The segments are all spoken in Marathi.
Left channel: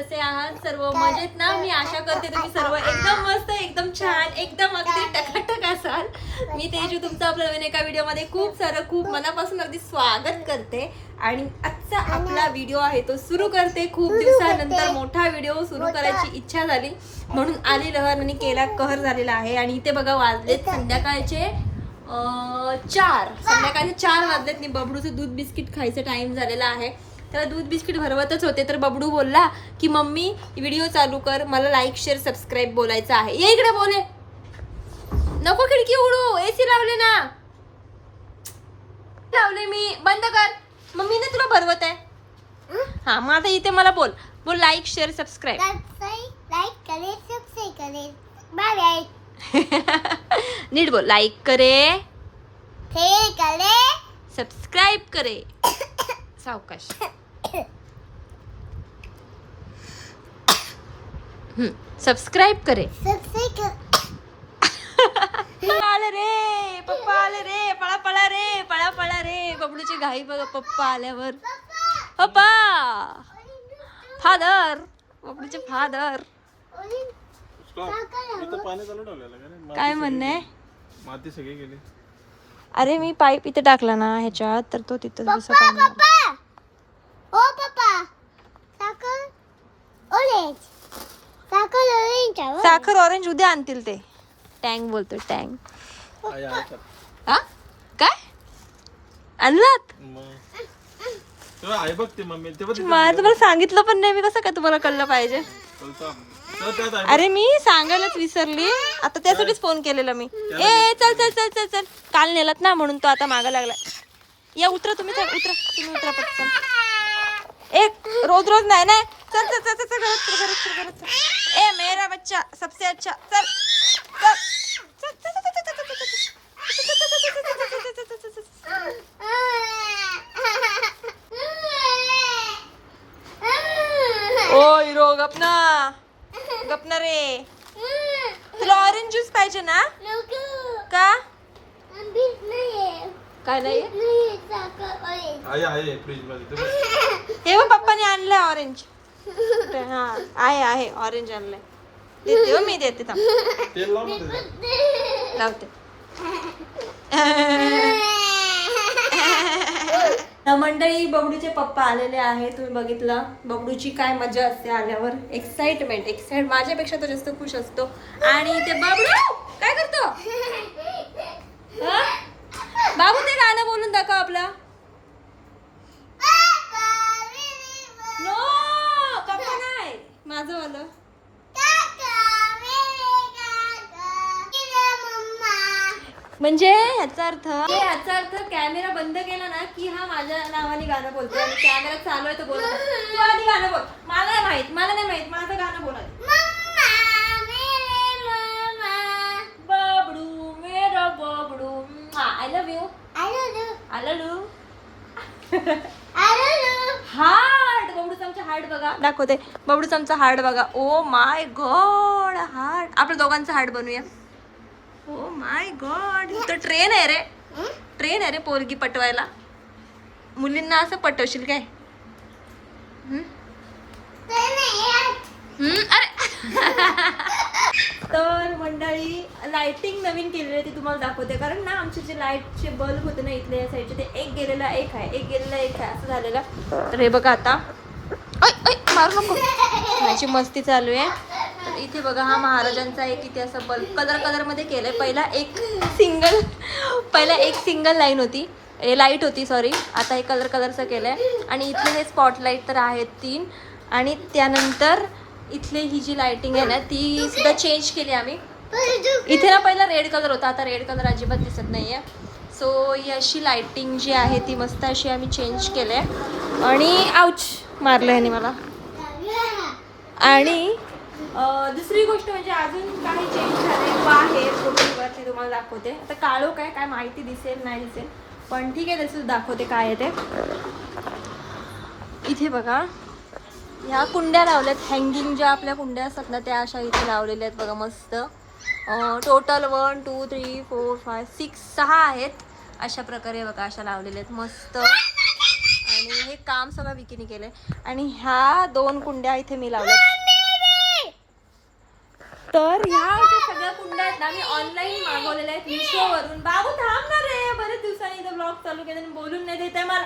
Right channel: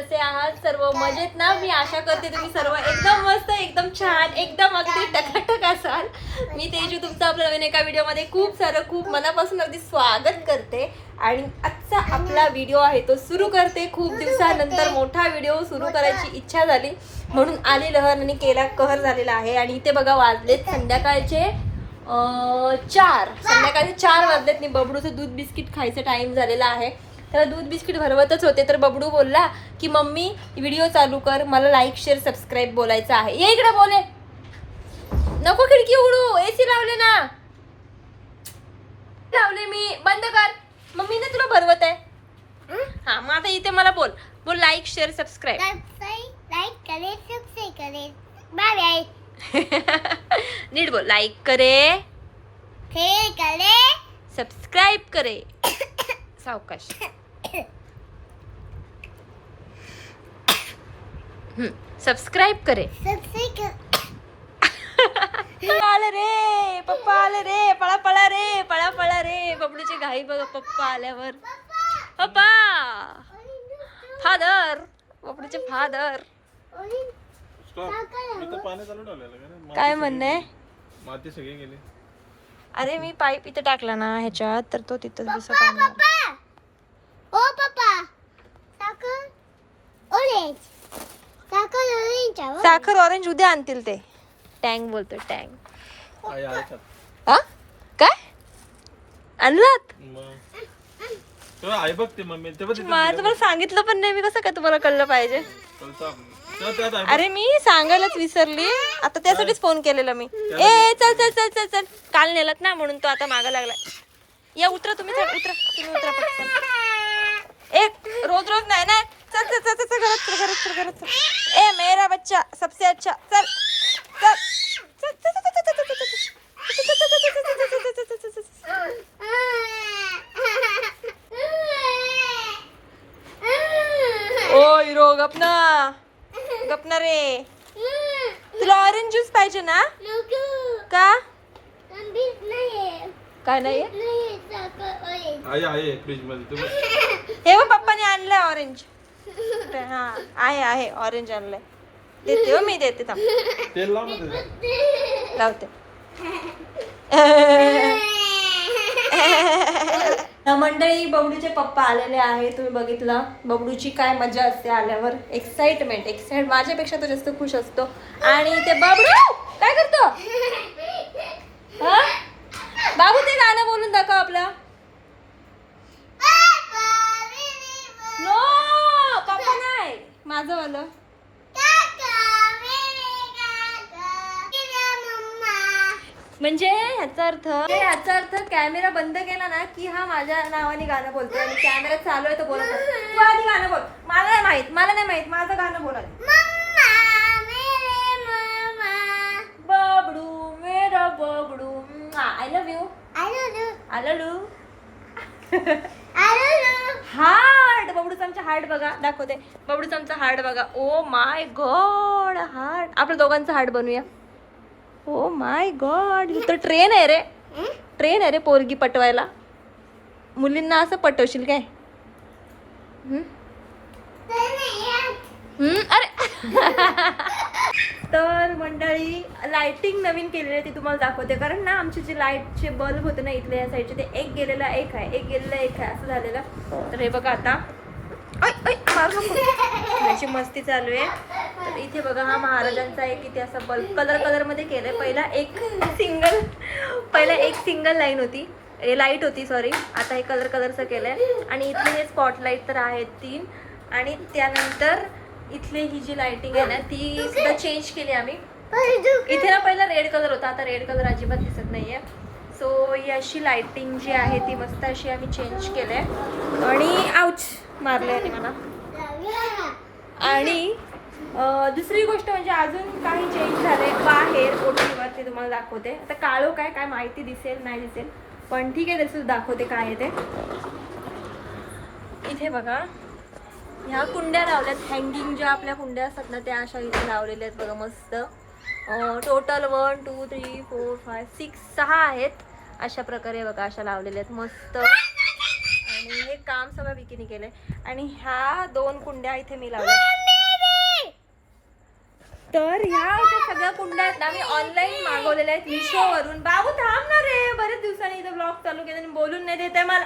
कसे आहात? सर्व मजेत ना? मी आशा करते तुम्ही सर्व एकदम मस्त एकदम छान एकदम अगदी टकाटक असाल. मी तेजू तुमचं आपल्या नवीन एका व्हिडिओमध्ये खूप सारं खूप मनापासून अगदी स्वागत करते. आणि आजचा आपला व्हिडिओ आहे तो सुरू करते. खूप दिवसानंतर मोठा व्हिडिओ सुरू करायची इच्छा झाली. म्हणून आली लहर आणि केला कहर झालेला आहे. आणि इथे बघा वाजलेत संध्याकाळचे चार. संध्याकाळचे चार वाजलेत. मी बबडूचं दूध बिस्किट खायचं टाईम झालेला आहे. त्याला दूध बिस्किट भरवतच होते. तर बबडू बोलला की मम्मी व्हिडिओ चालू कर. मला लाईक शेअर सबस्क्राईब बोलायचं आहे. ये इकडे बोले. नको खिडकी उघडू. एसी लावले ना. लावले मी. बंद कर. मम्मी ना तुला भरवत आहे. हा? मग आता इथे मला बोल. बोल लाईक शेअर सबस्क्राईब लाईक करे सबसे करे. बाय बाय नीट बोल. लाईक करे. करे. सबस्क्राईब करे. सावकाश. सबस्क्राईब करे. आले रे पप्पा आले रे पळा पळा रे पळा पळा रे. बबडूची घाई बघा पप्पा आल्यावर. पप्पा. फादर बबडूचे फादर काय म्हणणं आहे माती सगळी गेली. अरे मी पाईप इथे टाकला ना ह्याच्यात तर तो तिथं दिसत पाणी आलं. पप्पा ओ पप्पा साखर ऑरेंज साखर ऑरेंज आहे साखर ऑरेंज उद्या आणतील ते. टँग बोलतो टँग. हा? काय? आणलात? आई मम्मी मला तुम्हाला सांगितलं पण नाही मी कसं काय तुम्हाला कळलं पाहिजे? अरे मी सांगायलाच विसरली. आता त्यासाठीच फोन केलेला मी. ए चल. चल चल चल चल काल नेलात ना म्हणून तो आता मागा लागला. या उतरा तुम्ही चल उतरा. तुम्ही उतरा पटकन. ए रोज रोज नाही ना चल चल चल चल चल, घरात चल घरात चल घरात चल. ए मेरा बच्चा सबसे अच्छा सर चल ओय रो गपना गपना रे तुला ऑरेंज ज्यूस पाहिजे ना का काय नाही आहे हे पप्पाने आणलं ऑरेंज हा आहे आहे ऑरेंज आणलंय. देते हो मी देते थांब. तेल लाव ना त्याच्यात. लावते. तर मंडळी बबडूचे पप्पा आलेले आहे तुम्ही बघितलं. बबडूची काय मजा असते आल्यावर? एक्साइटमेंट एक्साइट माझ्यापेक्षा तो जास्त खुश असतो. आणि ते बबडू काय करतो? हा? बाबू ते गाणं बोलून दाखव आपलं नो पप्पा नाही माझं वालं. म्हणजे ह्याचा अर्थ ह्याचा अर्थ कॅमेरा बंद केला ना की हा माझ्या नावाने गाणं बोलतोय आणि कॅमेरा चालू आहे तो बोलत. तू आधी गाणं बोल. मला नाही माहीत मला नाही माहीत माझं गाणं बोल आधी. बबडू मेरा बबडू. I love you I love heart बबडूच आमचं हार्ट बघा. दाखवते. बबडूच आमचं हार्ट बघा. Oh my god heart. आपल्या दोघांचं हार्ट बनवूया. ओ माय गॉड तर ट्रेन आहे रे. ट्रेन आहे रे पोरगी पटवायला. मुलींना असं पटवशील काय? अरे. तर मंडळी लाइटिंग नवीन केलेली आहे ती तुम्हाला दाखवते. कारण ना आमचे जे लाईटचे बल्ब होते ना इथल्या या साईडचे ते एक गेलेला एक आहे एक गेलेला एक आहे असं झालेलं. तर हे बघा आता. मारू नको. माझी मस्ती चालू आहे. तर इथे बघा हा महाराजांचा एक इथे असा बल्ब कलर कलरमध्ये आहे पहिला एक सिंगल पहिला एक सिंगल लाईन होती. ए लाइट होती सॉरी आता हे कलर कलरचं केलंय. आणि इथले हे स्पॉटलाईट तर आहेत तीन. आणि त्यानंतर इथली ही जी लाइटिंग आहे ना ती सुद्धा चेंज केली आम्ही. इथे ना पहिला रेड कलर होता आता रेड कलर अजिबात दिसत नाहीये. सो ही अशी लाइटिंग जी आहे ती मस्त अशी आम्ही चेंज केली आहे. आणि आउच मारलं ह्याने मला. आणि दुसरी गोष्ट म्हणजे अजून काही चेंज झाले बाहेर कोठीवरती तुम्हाला दाखवते. आता काळो काय काय माहिती दिसेल नाही दिसेल. पण ठीक आहे तसं दाखवते काय आहे ते. इथे बघा. ह्या कुंड्या लावल्यात. हँगिंग ज्या आपल्या कुंड्या असतात ना त्या अशा इथे लावलेल्या आहेत बघा मस्त. Total one two three four five six सहा आहेत. अशा प्रकारे बघा अशा लावलेल्या आहेत. मस्त. आणि हे काम सगळं विकीने केलंय. आणि ह्या दोन कुंड्या इथे मी लावल्या तर ह्या ज्या सगळ्या कुंड्या आहेत ना मी ऑनलाईन मागवलेल्या आहेत मिशोवरून बाबू थांब ना रे. बरेच दिवसांनी इथं ब्लॉग चालू केले आणि बोलून नाही देत आहे मला.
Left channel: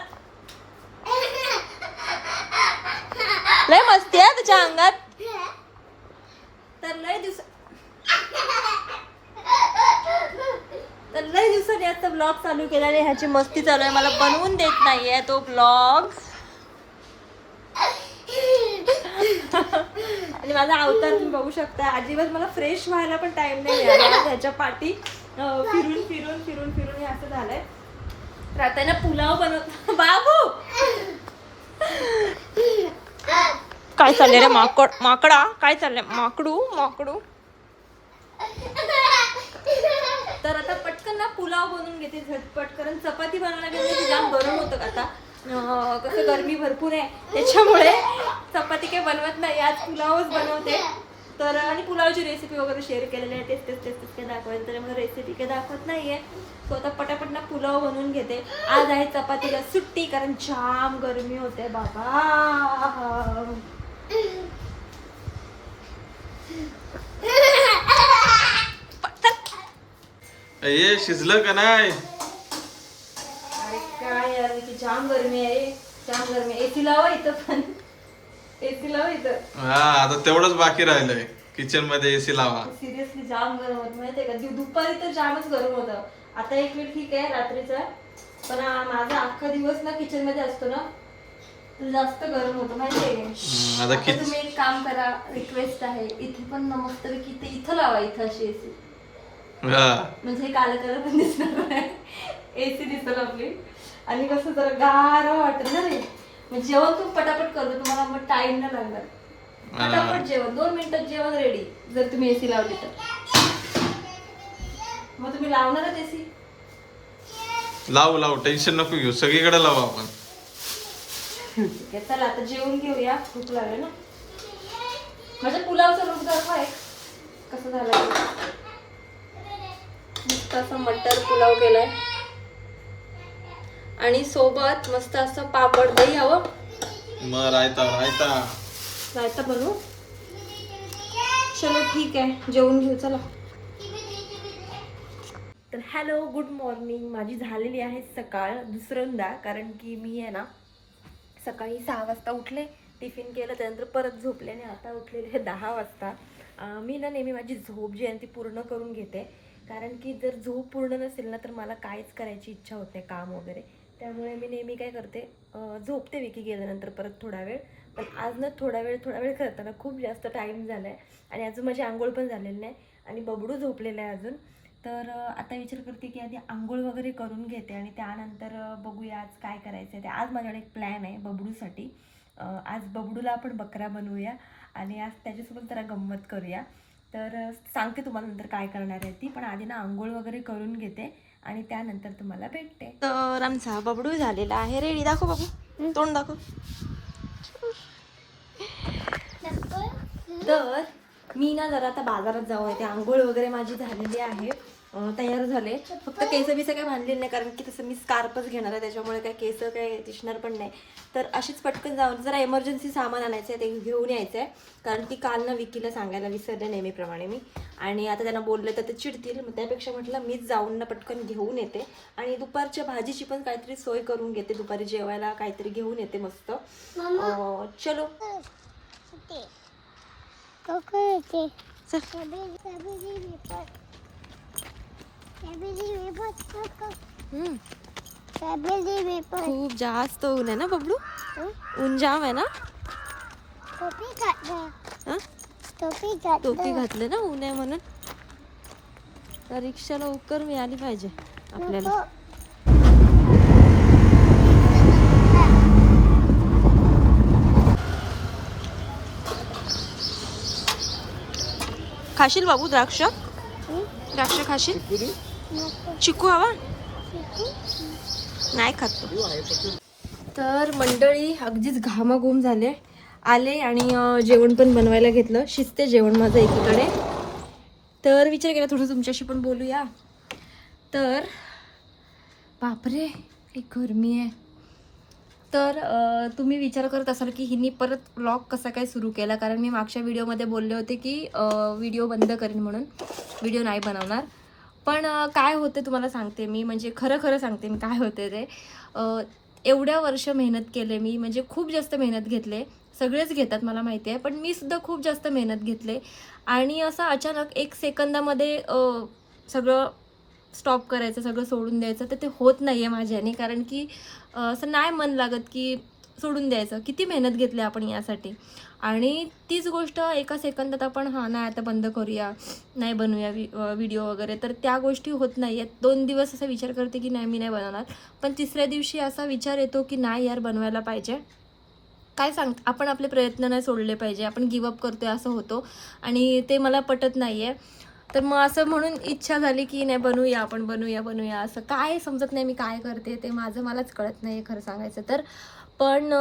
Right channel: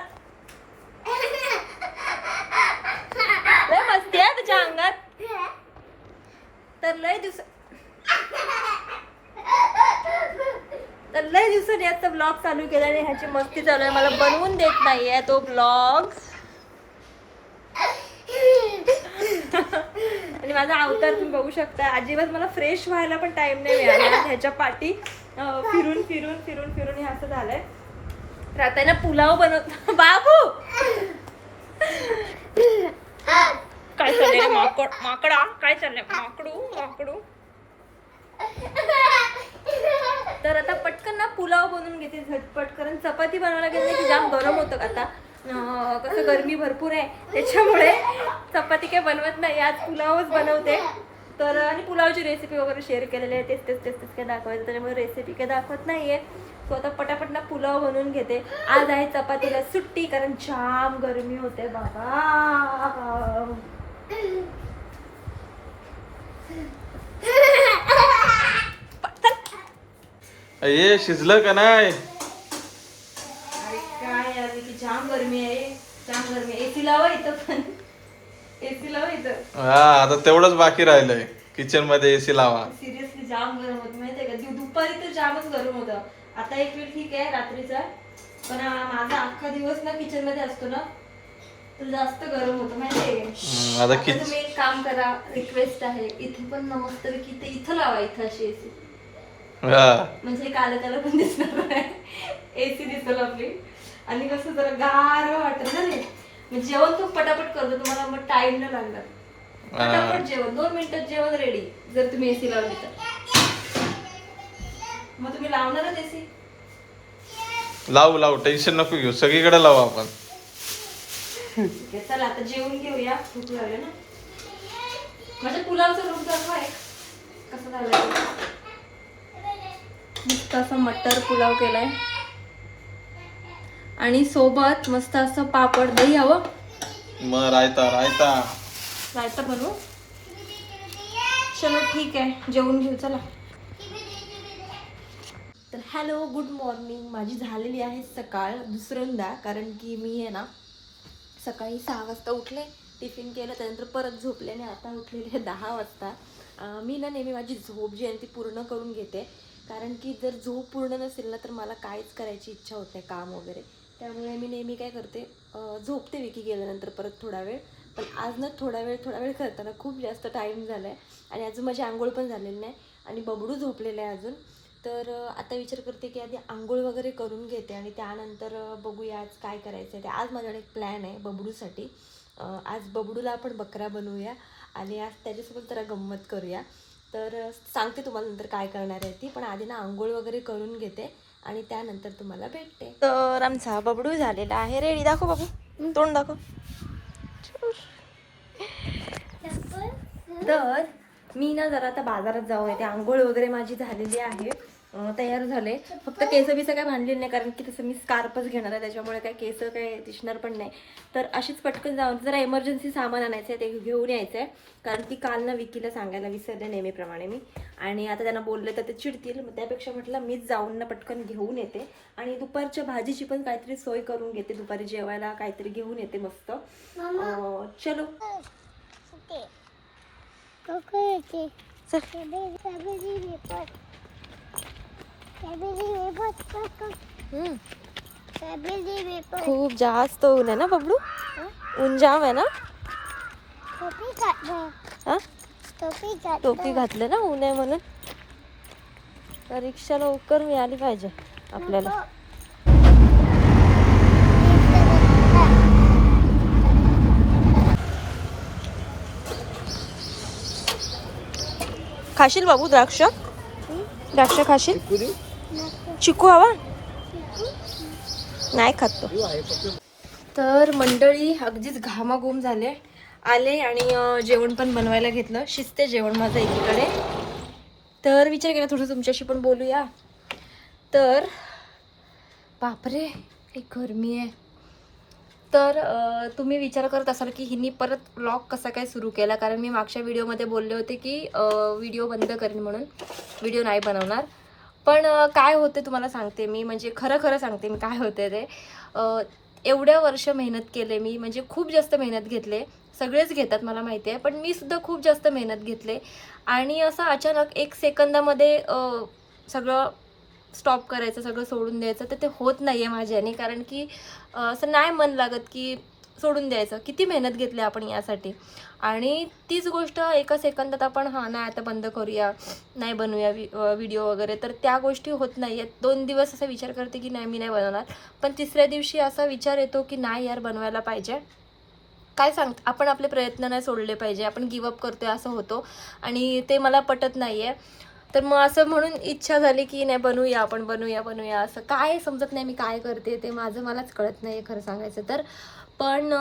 लय मस्ती आहे तुझ्या अंगात. तर लय दिवस तर लय दिवसांनी आता ब्लॉग चालू केला आणि ह्याची मस्ती चालू आहे. मला बनवून देत नाहीये तो ब्लॉग आणि माझा अवतार तुम्ही बघू शकता. अजिबात मला फ्रेश व्हायला पण टाइम नाही मिळाला. ह्याच्या पाठी फिरून फिरून फिरून फिरून हे असं झालंय. तर आता ना पुलाव बनवत बाबू! काय चाललंय रे माकड माकडा काय चाललंय माकडू माकडू तर आता पटकन ना पुलाव बनवून घेते झटपट कारण चपाती बनवायला गेलं की जाम गरम होतं आता कसं गरमी भरपूर आहे त्याच्यामुळे चपाती काही बनवत नाही आज पुलावच बनवते तर आणि पुलावची रेसिपी वगैरे शेअर केलेली आहे तेच तेच तेच तेच काय दाखवायचं त्याच्यामुळे रेसिपी काही दाखवत नाहीये सो आता पटापट ना पुलाव बनवून घेते. आज आहे चपातीला सुट्टी कारण जाम गरमी होते बाबा. ये शिजलं का नाही? अरे काय यार की जाम गरमी आहे. जाम गरमी एसी लावा इथं पण. एसी लावा इथं. हा आता तेवढंच बाकी राहिलंय. किचनमध्ये एसी लावा. सिरियसली जाम गरम होत. माहितीये का? दु- दुपारी तर जामच गरम होतं. आता एक वेळ ठीक आहे रात्रीचा. पण माझा अख्खा दिवस ना किचनमध्ये असतो ना. तर जास्त गरम होतं आता किच तुम्ही एक काम करा रिक्वेस्ट आहे. इथे पण ना मस्तपैकी ते इथं लावा इथं अशी एसी म्हणजे काला त्याला पण दिसणार नाही एसी दिसेल आपली. आणि कसं जरा गार वाटत ना रे. मग जेवण तू पटापट करतो तुम्हाला मग टाइम नाही लागणार. पटापट जेवण दोन मिनिटात जेवण रेडी जर तुम्ही एसी लावली तर. मग तुम्ही लावणारच एसी लावू लावू. टेन्शन नको घेऊ. सगळीकडे लावू आपण. चला आता जेवून घेऊया. भूक लागली ना. माझ्या पुलावचा लुक दाखवा एक कसं झालं मस्त असं मटर पुलाव केलाय. आणि सोबत मस्त असं पापड दही हवं. मग रायता रायता. रायता बनवू चलो ठीक आहे. जेवून घेऊ चला. Hello good morning. माझी झालेली आहे सकाळ दुसऱ्यांदा कारण की मी आहे ना सकाळी सहा वाजता उठले टिफिन केलं त्यानंतर परत झोपले आणि आता उठलेले आहे दहा वाजता. मी ना नेहमी माझी झोप जी आहे ती पूर्ण करून घेते. कारण की जर झोप पूर्ण नसेल ना तर मला काहीच करायची इच्छा होत नाही काम वगैरे. त्यामुळे मी नेहमी काय करते झोपते विकी गेल्यानंतर परत थोडा वेळ. पण आज ना थोडा वेळ थोडा वेळ करताना खूप जास्त टाईम झाला आहे आणि अजून माझी आंघोळ पण झालेली नाही. आणि बबडू झोपलेलं आहे अजून. तर आता विचार करते की आधी आंघोळ वगैरे करून घेते आणि त्यानंतर बघूया आज काय करायचं आहे ते. आज माझ्याकडे एक प्लॅन आहे बबडूसाठी. आज बबडूला आपण बकरा बनवूया आणि आज त्याच्यासोबत जरा गंमत करूया. तर सांगते तुम्हाला नंतर काय करणार आहे ती पण आधी ना आंघोळ वगैरे करून घेते आणि त्यानंतर तुम्हाला भेटते. तर आमचा बबडू झालेला आहे. रेडी दाखव बाबू. तोंड दाखव. तर मी ना जरा आता बाजारात जाऊ येते आंघोळ वगैरे माझी झालेली आहे. तयार झाले. फक्त केस बिस काय बांधलेली नाही कारण की तसं मी स्कार्पच घेणार आहे त्याच्यामुळे काय केस काय दिसणार पण नाही. तर अशीच पटकन जाऊन जरा एमर्जन्सी सामान आणायचं आहे ते घेऊन यायचं आहे. कारण की काल ना विकीला सांगायला विसरले नेहमीप्रमाणे मी. आणि आता त्यांना बोललं तर ते चिडतील. मग त्यापेक्षा म्हटलं मीच जाऊन ना पटकन घेऊन येते. आणि दुपारच्या भाजीची पण काहीतरी सोय करून घेते. दुपारी जेवायला काहीतरी घेऊन येते मस्त. चलो. चल. खूप जास्त ऊन आहे ना बबडू? ऊन जाम आहे ना? टोपी घातलं हा? टोपी घातलं टोपी घातले ना ऊन आहे म्हणून. तर रिक्षा लवकर मिळाली पाहिजे आपल्याला. खाशील बाबू द्राक्ष? द्राक्ष खाशील? चिकू हवा? नाही खात तो. तर मंडळी अगदीच घामाघूम झाले. आले आणि जेवण पण बनवायला घेतलं. शिजते जेवण माझं एकीकडे. तर विचार केला थोडं तुमच्याशी पण बोलूया. तर बापरे एक गरमी आहे. तर तुम्ही विचार करत असाल की हिनी परत ब्लॉग कसा काय सुरू केला? कारण मी मागच्या व्हिडिओमध्ये बोलले होते की व्हिडिओ बंद करेन म्हणून. व्हिडिओ नाही बनवणार. पण काय होते तुम्हाला सांगते मी. म्हणजे खरं खरं सांगते मी काय होते ते. एवढ्या वर्ष मेहनत केले मी. म्हणजे खूप जास्त मेहनत घेतले. सगळेच घेतात मला माहिती आहे. पण मी सुद्धा खूप जास्त मेहनत घेतले. आणि असं अचानक एक सेकंदामध्ये सगळं स्टॉप करायचं सगळं सोडून द्यायचं तर ते होत नाही आहे माझ्याने. कारण की असं नाही मन लागत की सोडून द्यायचं. किती मेहनत घेतली आपण यासाठी. आणि तीच गोष्ट एका सेकंदात आपण हां नाही आता बंद करूया नाही बनवूया व्हिडिओ वगैरे. तर त्या गोष्टी होत नाही. आहेत दोन दिवस असा विचार करते की नाही मी नाही बनवणार. पण तिसऱ्या दिवशी असा विचार येतो की नाही यार बनवायला पाहिजे. काय सांग आपण आपले प्रयत्न नाही सोडले पाहिजे. आपण गिवअप करतोय असं होतो. आणि ते मला पटत नाही आहे तर मग असं म्हणून इच्छा झाली की नाही बनवूया आपण बनवूया बनवूया. असं काय समजत नाही मी काय करते ते माझं मलाच कळत नाही खरं सांगायचं तर. पण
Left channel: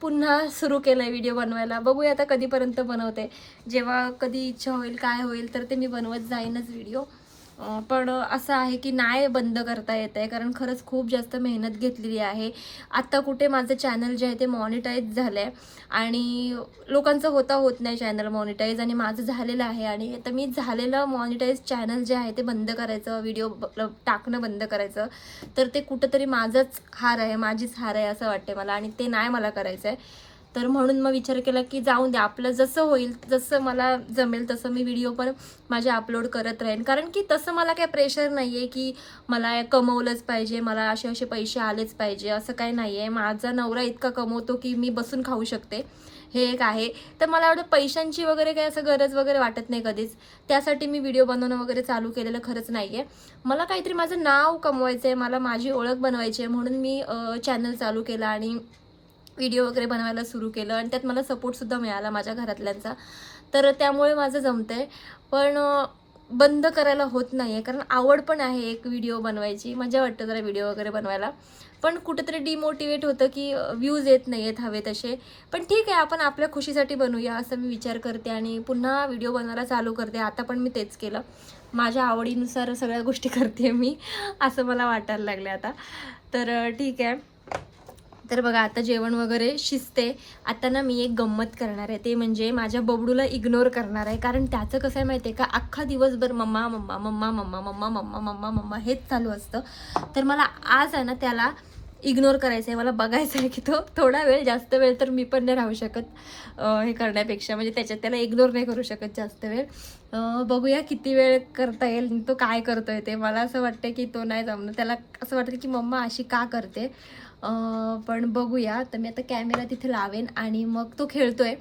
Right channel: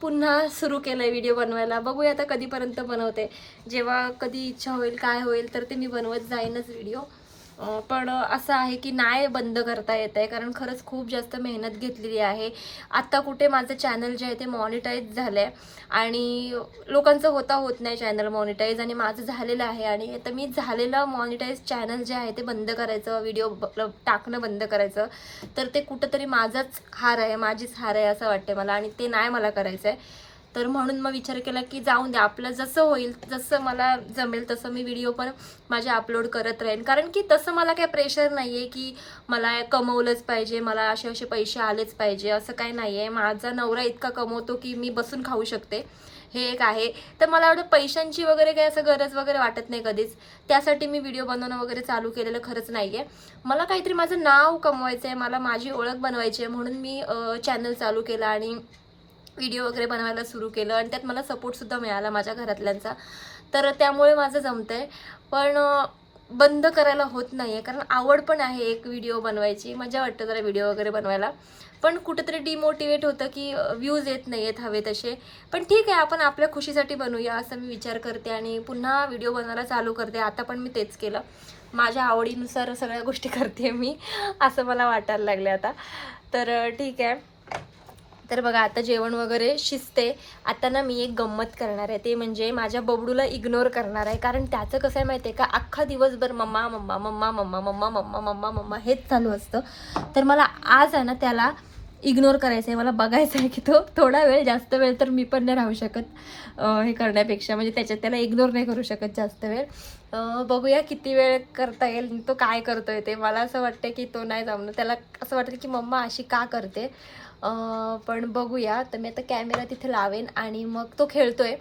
पुन्हा सुरू केलं आहे व्हिडिओ बनवायला. बघूया आता कधीपर्यंत बनवते. जेव्हा कधी इच्छा होईल काय होईल तर ते मी बनवत जाईनच व्हिडिओ पण असं आहे की नाही बंद करता येत आहे कारण खरंच खूप जास्त मेहनत घेतलेली आहे. आत्ता कुठे माझं चॅनल जे आहे ते मॉनिटाईज झालं आहे आणि लोकांचं होता होत नाही चॅनल मॉनिटाईज आणि माझं झालेलं आहे आणि आता मी झालेलं मॉनिटाईज चॅनल जे आहे ते बंद करायचं व्हिडिओ टाकणं बंद करायचं. तर ते कुठंतरी माझाच हार आहे माझीच हार आहे असं वाटते मला आणि ते नाही मला करायचं आहे तर म्हणून मग विचार केला की जाऊन द्या आपलं जसं होईल जसं मला जमेल तसं मी व्हिडिओ पण माझे अपलोड करत राहीन. कारण की तसं मला काही प्रेशर नाही आहे की मला कमवलंच पाहिजे मला असे असे पैसे आलेच पाहिजे असं काही नाही आहे माझा नवरा इतका कमवतो की मी बसून खाऊ शकते. हे एक आहे. तर मला एवढं पैशांची वगैरे काही असं गरज वगैरे वाटत नाही कधीच. त्यासाठी मी व्हिडिओ बनवणं वगैरे चालू केलेलं खरंच नाही आहे मला काहीतरी माझं नाव कमवायचं आहे मला माझी ओळख बनवायची आहे म्हणून मी चॅनल चालू केलं आणि व्हिडिओ वगैरे बनवायला सुरू केलं आणि त्यात मला सपोर्टसुद्धा मिळाला माझ्या घरातल्यांचा. तर त्यामुळे माझं जमतं आहे पण बंद करायला होत नाही आहे कारण आवड पण आहे एक व्हिडिओ बनवायची. मजा वाटतं जरा व्हिडिओ वगैरे बनवायला. पण कुठेतरी डिमोटिवेट होतं की व्ह्यूज येत नाही आहेत हवे तसे. पण ठीक आहे आपण आपल्या खुशीसाठी बनवूया असं मी विचार करते आणि पुन्हा व्हिडिओ बनवायला चालू करते. आता पण मी तेच केलं. माझ्या आवडीनुसार सगळ्या गोष्टी करते मी असं मला वाटायला लागले आता. तर ठीक आहे. तर बघा आता जेवण वगैरे शिजते. आता ना मी एक गंमत करणार आहे. ते म्हणजे माझ्या बबडूला इग्नोर करणार आहे. कारण त्याचं कसं आहे माहिती आहे का? अख्खा दिवसभर mamma mamma mamma mamma mamma mamma mamma mamma हेच चालू असतं. तर मला आज आहे ना त्याला इग्नोर करायचं आहे मला बघायचं आहे की तो थोडा वेळ जास्त वेळ तर मी पण नाही राहू शकत हे करण्यापेक्षा. म्हणजे त्याच्यात त्याला इग्नोर नाही करू शकत जास्त वेळ. बघूया किती वेळ करता येईल तो काय करतोय ते. मला असं वाटतं की तो नाही जमलं त्याला असं वाटतं की मम्मा अशी का करते? पण बघूया. तर मी आता कॅमेरा तिथे लावेन आणि मग तो खेळतोय.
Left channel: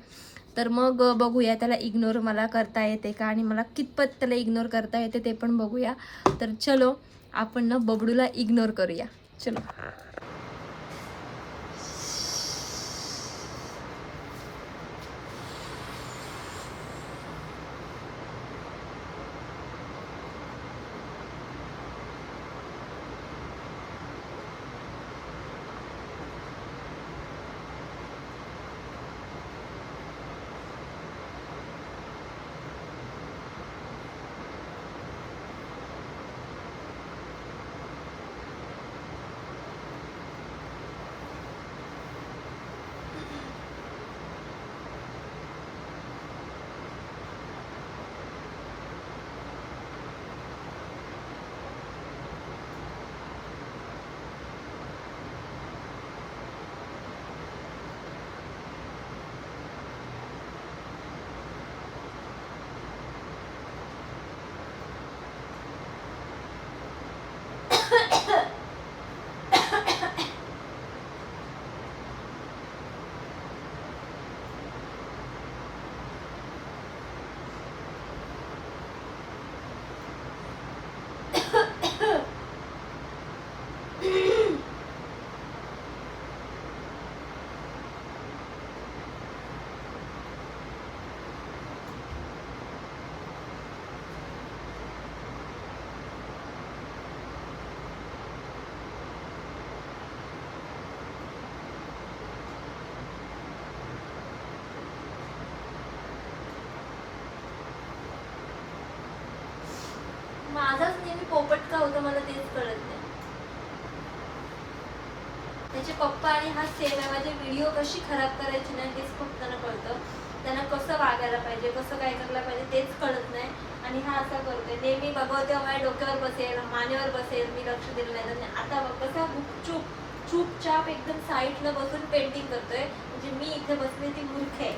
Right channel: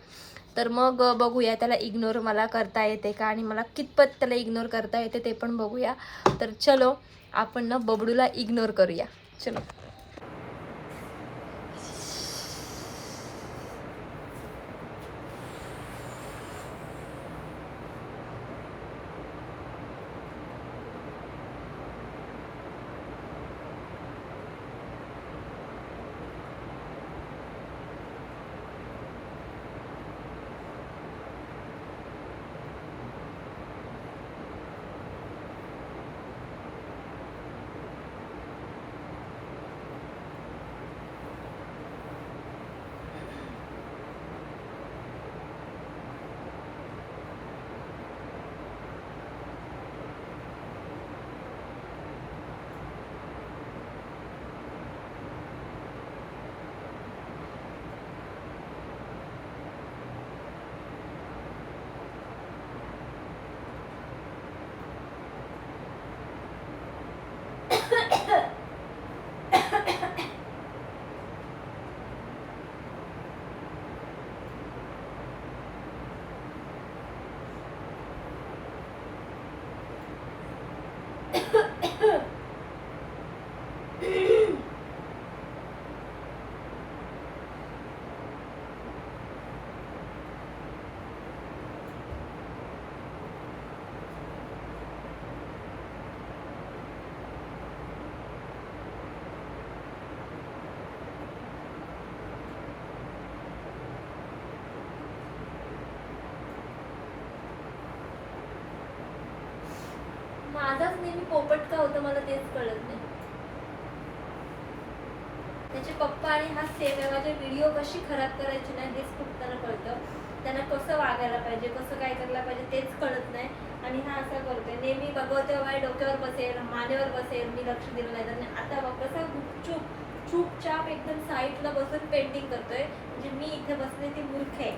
तर मग बघूया त्याला इग्नोर मला करता येते का आणि मला कितपत त्याला इग्नोर करता येते ते पण बघूया. तर चलो आपण ना बबडूला इग्नोर करूया. चलो. माझाच पोपट का होतं मला तेच कळत नाही. त्याचे पप्पा आणि हा सेम आहे माझे व्हिडिओ कशी खराब करायची नाही हेच खूप त्यांना कळतं. त्यांना कसं वागायला पाहिजे कसं काय करायला पाहिजे तेच कळत नाही. आणि हा असा करतोय नेहमी बघावं तेव्हा माझ्या डोक्यावर बसेल मानेवर बसेल मी लक्ष दिलं नाही तर आता बघ कसा गुपचूप चुपचाप एकदम साईडला बसून पेंटिंग करतोय. म्हणजे मी इथे बसले ती मूर्ख आहे.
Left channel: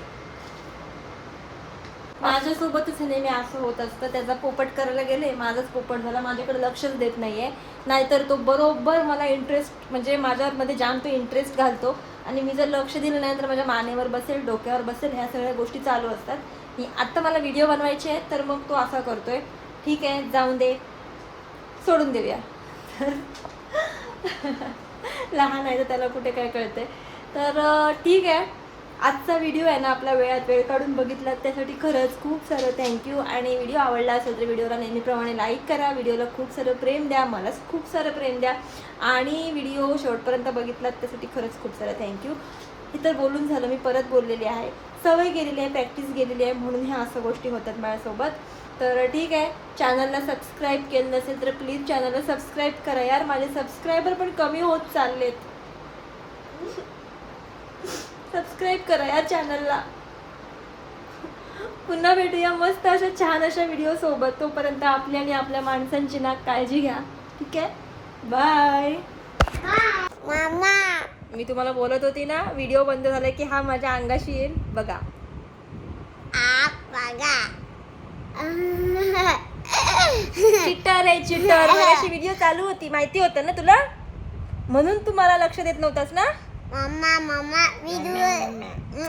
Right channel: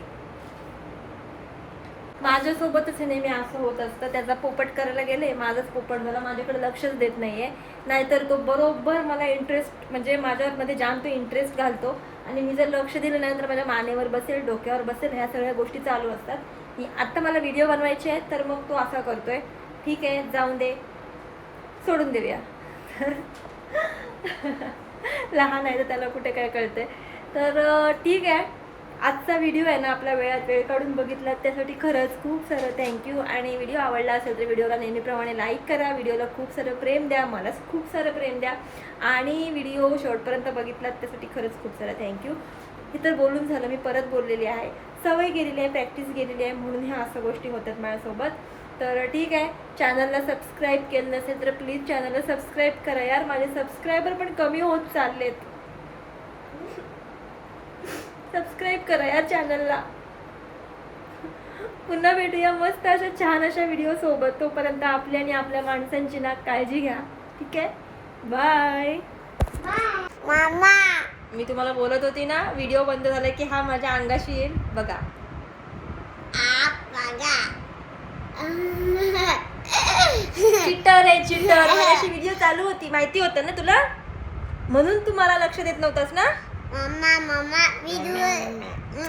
माझ्यासोबतच हे नेहमी असं होत असतं. त्याचा पोपट करायला गेले माझाच पोपट झाला. माझ्याकडे लक्षच देत नाहीये. नाहीतर तो बरोबर मला इंटरेस्ट म्हणजे माझ्यामध्ये जाम तो इंटरेस्ट घालतो. आणि मी जर लक्ष दिलं नाही तर माझ्या मानेवर बसेल डोक्यावर बसेल ह्या सगळ्या गोष्टी चालू असतात. ही आत्ता मला व्हिडिओ बनवायचे आहेत तर मग तो असा करतोय. ठीक आहे जाऊन दे. सोडून देऊया. लहान आहे तर त्याला कुठे काय कळतंय. तर ठीक आहे. आजचा व्हिडिओ आहे ना आपला वेळात वेळ काढून बघितला त्यासाठी खरंच खूप सारं थँक्यू आणि व्हिडिओ आवडला असेल तर व्हिडिओला नेहमीप्रमाणे लाईक करा. व्हिडिओला खूप सारं प्रेम द्या मला खूप सारं प्रेम द्या. आणि व्हिडिओ शेवटपर्यंत बघितलात त्यासाठी खरंच खूप सारं थँक्यू हे तर बोलून झालं मी परत बोललेली आहे. सवय गेलेली आहे प्रॅक्टिस गेलेली आहे म्हणून ह्या असं गोष्टी होतात माझ्यासोबत. तर ठीक आहे चॅनलला सबस्क्राईब केलं नसेल तर प्लीज चॅनलला सबस्क्राईब करा यार. माझे सबस्क्रायबर पण कमी होत चाललेत. सबस्क्राईब करा या चॅनलला पुन्हा भेटूया मस्त अशा छान अशा व्हिडिओ सोबत. तोपर्यंत आपली आणि आपल्या माणसांची ना काळजी घ्या. ठीक आहे? बाय मामा. मी तुम्हाला बोलत होती ना व्हिडिओ बंद झाला की हा माझ्या अंगाशी येईल. बघा. चिटर आहे चिटर. अशी व्हिडिओ चालू होती. माहिती होतं ना तुला? म्हणून तू मला लक्ष देत नव्हतास ना? Mamma mamma video